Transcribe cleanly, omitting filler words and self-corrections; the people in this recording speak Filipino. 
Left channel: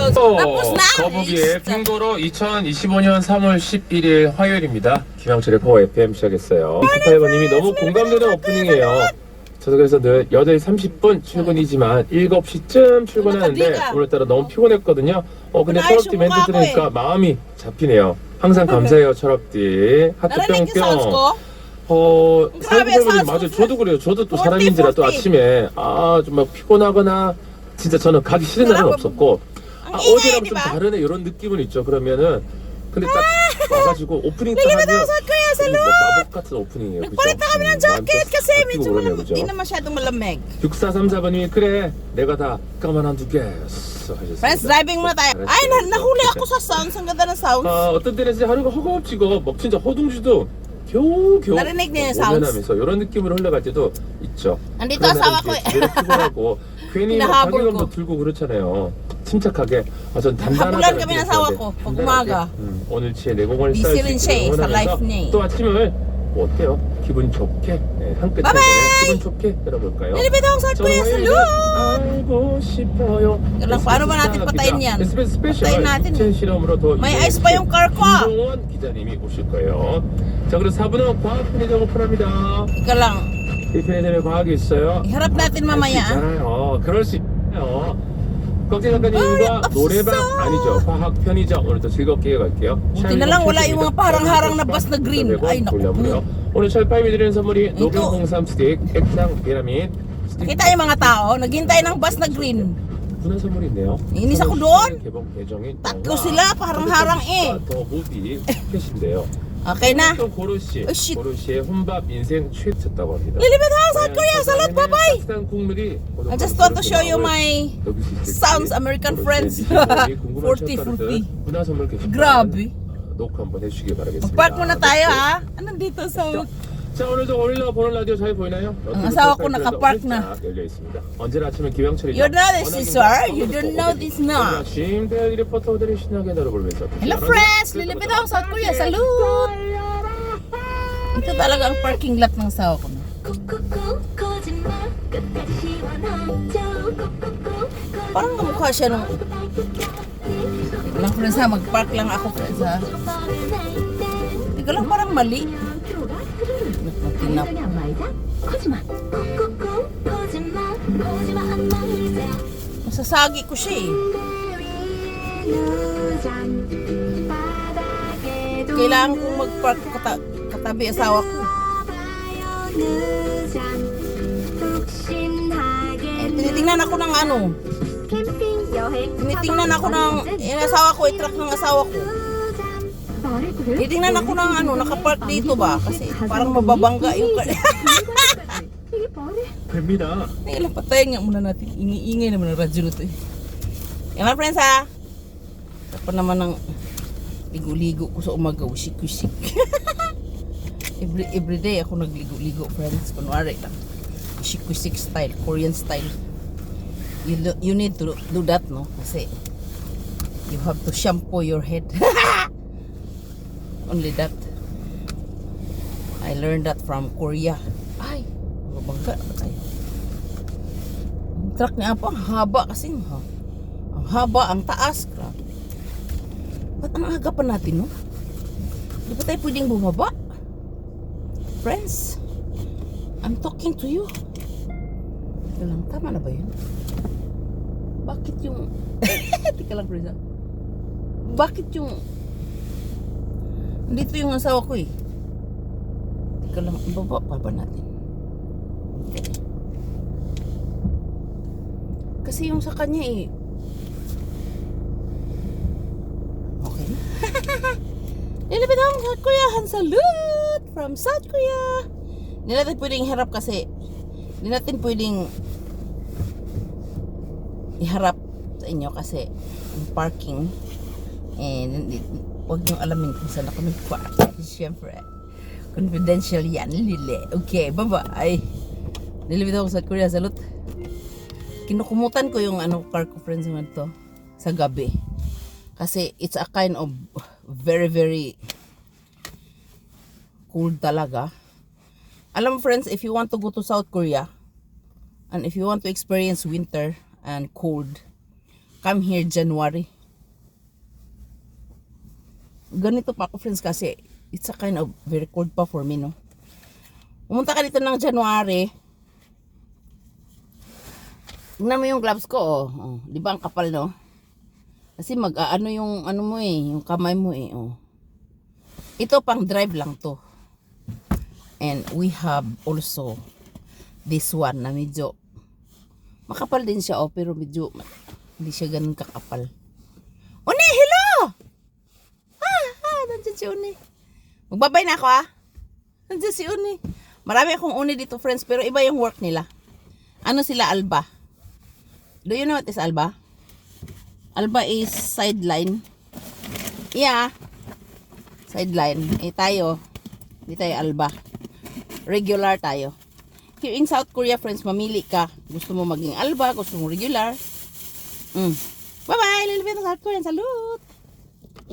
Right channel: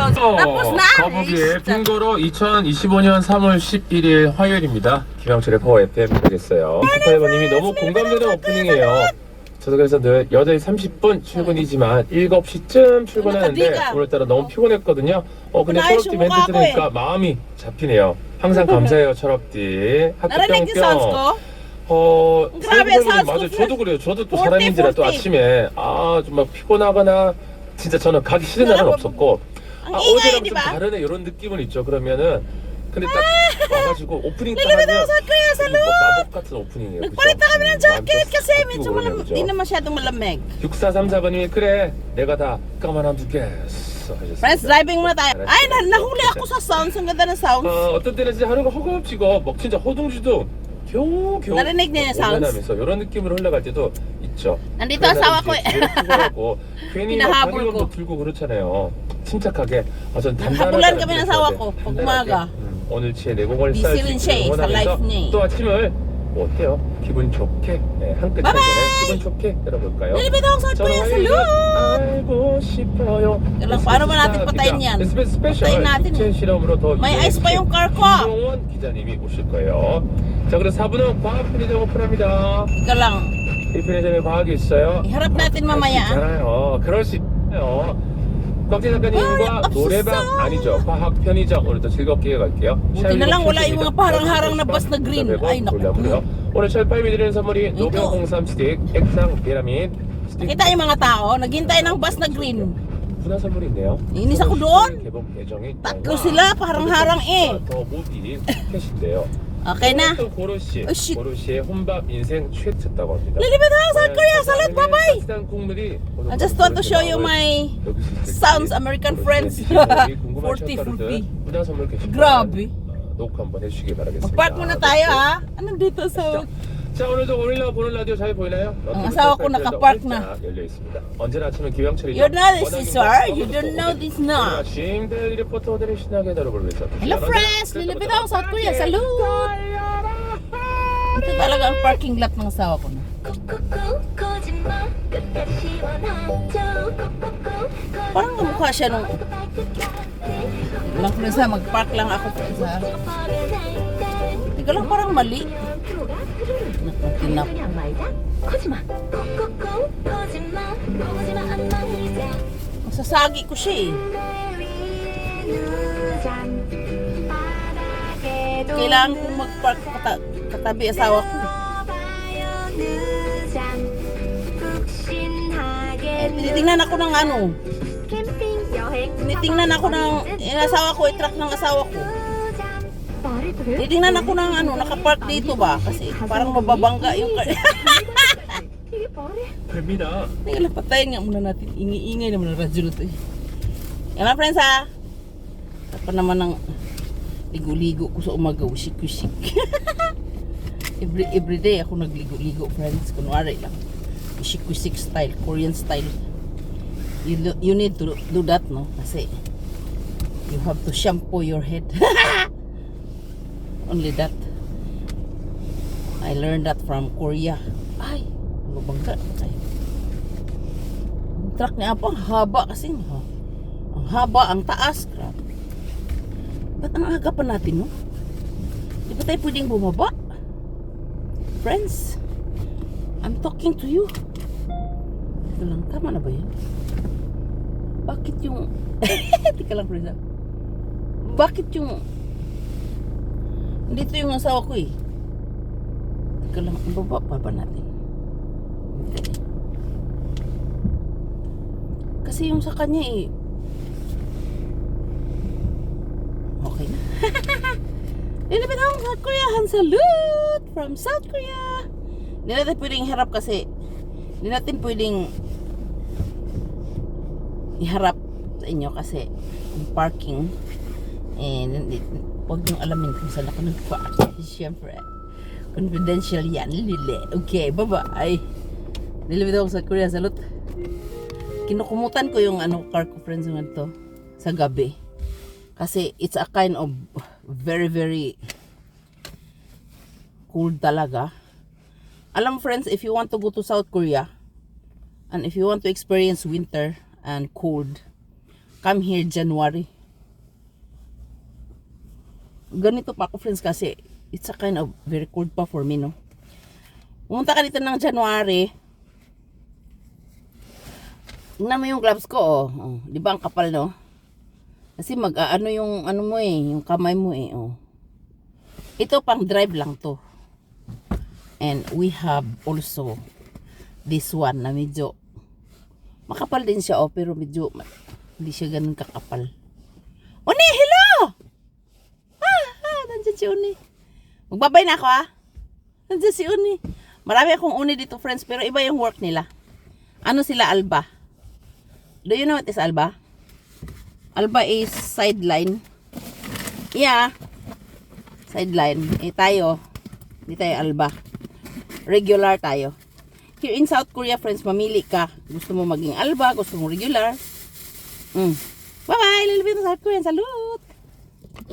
sounds. Tapos na. 거북이의 핑거로 2025년 3월 11일 화요일입니다. 김영철의 파워 FM 시작했어요. 슈퍼에버님이 너무 공감되는 오프닝이에요. 저도 그래서 늘 8시 30분 출근이지만 7시쯤 출근하는데 오늘따라 너무 피곤했거든요. 근데 철업디 멘트 들으니까 마음이 잡히네요. 항상 감사해요, 철업디. 하트 Narinig yung sounds 뿅뿅. ko? Grabe, sounds 맞아, ko. 저도 그래요. 저도 또 40, 사람인지라 또 40. 아침에 좀 막 피곤하거나 진짜 저는 가기 싫은 날은 Sarap. 없었고 Ang ingay, 어제랑 di 좀 ba? 다르네 이런 느낌은 있죠. 그러면은 근데 딱 와가지고 오프닝 딱 Lilipit 하면 ako sa kuya sa 뭐 마법 같은 오프닝이에요. Nagpalit na kami ng jacket kasi medyo 그러죠. di na masyadong malamig. 6434번님이 그래 내가 다 까만두겠어 하셨습니다. Friends, driving muna tayo. Ay, nahuli ako sa sounds. Ang ganda ng sounds. 어떤 때는 진짜 하루가 허겁지겁 막 진짜 허둥지둥 겨우 Narinig niyo yung sounds? 하면서 이런 느낌으로 흘러갈 때도 있죠. Nandito asawa ko eh. 피곤하고 괜히 막 Hinahabol 방해금도 ko. 들고 그렇잖아요. 침착하게 전 Habulan kami ng asawa ko pag umaga. 오늘치의 내공을 Busy rin siya eh, sa life niya eh. 또 아침을 뭐 어때요? 기분 좋게 한 끝에 기분 좋게 들어볼까요? Nilipit ako sa kuya sa 알고 싶어요. Lang, paano ba natin patayin yan? Patayin natin eh. 실험으로 더 May ice pa yung car ko ah. 김정원 기자님이 오실 거예요. 자, 그럼 4분은 과학 편의점 오픈합니다. Ika lang. 이 편의점에 과학이 있어요. Iharap natin mamaya ah. 있잖아요. 그럴 수 있어요. 곽재 작가님과 없었어. 노래방 아니죠. 과학 편의점 오늘도 즐겁게 갈게요. Buti na lang wala yung mga parang-harang na bus na green. Ay, naku po. 오늘 철파임이 드리는 선물이 노경 홍삼 스틱, 액상 계라민 스틱. Kita yung mga tao, naghintay ng bus na green. 문화 선물이 있네요. Inis ako doon. 개봉 예정인 Tatlo sila, parang-harang eh. 더 무비 켓인데요. Okay na. 또 고르시, Oh, shit. 고르시의 혼밥 인생 최초다고 합니다. Lilipit ako sa kuya. Salud, bye-bye. 쌀 국물이 I just want to show you my sounds American friends. 40, 40. 문화 선물 게시판 Grabe. 녹화 한번 해주시기 바라겠습니다. Mag-park muna tayo ha. Anong dito sa... 자, 오늘도 오늘로 보는 라디오 잘 보이나요? Ang asawa ko nakapark na. 열려 있습니다. 언제나 아침은 김영철이 You know this is sir? You don't know this na. 아침들 리포터들이 신나게 다뤄보면서 Hello friends! Lilipit ako sa kuya. Salud! Ito talaga ang parking lot ng asawa ko na. Parang kamukha siya nung... Lang friends ha, mag-park lang ako friends ha. Hindi ka lang parang mali. Nakutinap. Masasagi ko siya eh. Kailangan kong mag-park katabi asawa ko. Tinitingnan ako ng ano. Tinitingnan ako ng asawa ko, i-truck ng asawa ko. Tinitingnan ako ng ano, nakapark dito ba? Kasi parang mababangga yung car. 됩니다. Teka lang, patayin nga muna natin. Iniingay naman ang radyo na ito eh. Yan mga friends ha. Tapos naman ng ligo-ligo ko sa umaga. Usik-usik. Everyday ako nagligo-ligo friends. Kunwari lang. Usik-usik style. Korean style. You need to do that no. Kasi you have to shampoo your head. Only that. I learned that from Korea. Ay, mabangga na tayo. Ang truck niya po, ang haba kasi. Ang haba, ang taas. Grabe. Ba't ang aga pa natin, no? Di ba tayo pwedeng bumaba? Friends, I'm talking to you. Teka lang, tama na ba yun? Bakit yung... Teka lang, friends. Bakit yung... Dito yung asawa ko eh. Teka lang, ibaba pa ba natin? Okay. Kasi yung sa kanya eh. Okay na. Lilipit ako sa Korea. Salute from South Korea. Hindi natin pwedeng harap kasi hindi natin pwedeng iharap sa inyo kasi ang parking huwag niyong alamin kung saan ako nag-park. Siyempre, confidential yan, Lili. Okay, bye-bye. Nilibid ako sa Korea. Salute. Kinukumutan ko yung car ko, friends, yung ito sa gabi. Kasi it's a kind of very, very cold talaga. Alam mo, friends, if you want to go to South Korea and if you want to experience winter and cold, come here January. Ganito pa ako, friends, kasi it's a kind of very cold pa for me, no? Pumunta ka dito ng January. Tingnan mo yung gloves ko, oh. Oh, di ba ang kapal, no? Kasi mag-ano yung ano mo eh, yung kamay mo eh, oh. Ito pang drive lang to. And we have also this one na medyo makapal din siya, oh, pero medyo hindi siya ganun kakapal. Uni, hello! Nandiyan si Uni. Magbabay na ako, Nandiyan si Uni. Marami akong Uni dito, friends, pero iba yung work nila. Ano sila, Alba? Do you know what is Alba? Alba is sideline. Yeah. Sideline. Tayo. Hindi tayo Alba. Regular tayo. Here in South Korea, friends, mamili ka. Gusto mo maging Alba, gusto mo regular. Bye-bye, little bit of South Korean. Salute!